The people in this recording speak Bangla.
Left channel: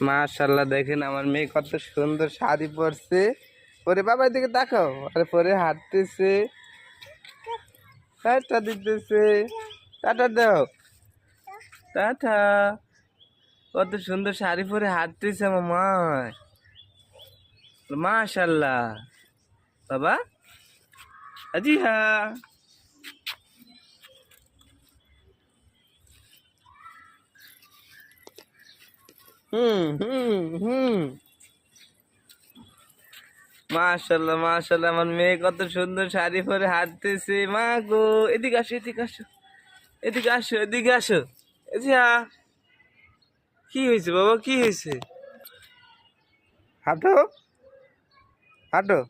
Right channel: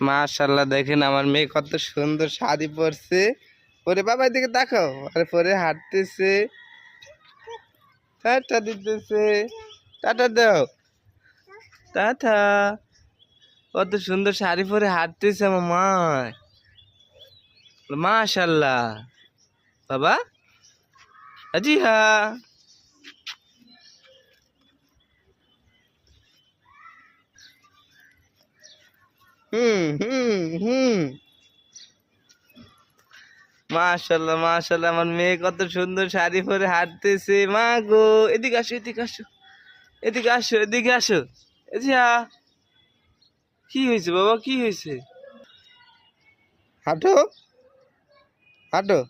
মাশাআল্লাহ, দেখেন আমার মেয়ে কত সুন্দর শাড়ি পরছে। পরে বাবা এদিকে তাকাও, আরে পরে হাঁটতেছে, টাটা দিতেছে, টাটা দাও, টাটা। কত সুন্দর শাড়ি পরে হাঁটতেছে মামা, মাশাআল্লাহ। বাবা, জি হ্যাঁ। হুম। মাশাআল্লাহ মাশাআল্লাহ, আমার মেয়ে কত সুন্দর শাড়ি পরে হাঁটতেছে। মা গো, এদিকে আসো, এদিকে আসো, এদিকে আসো, এদিকে আসো। এজিয়া, কি হয়েছে বাবা, কি হয়েছে? হাঁটো, হাঁটো।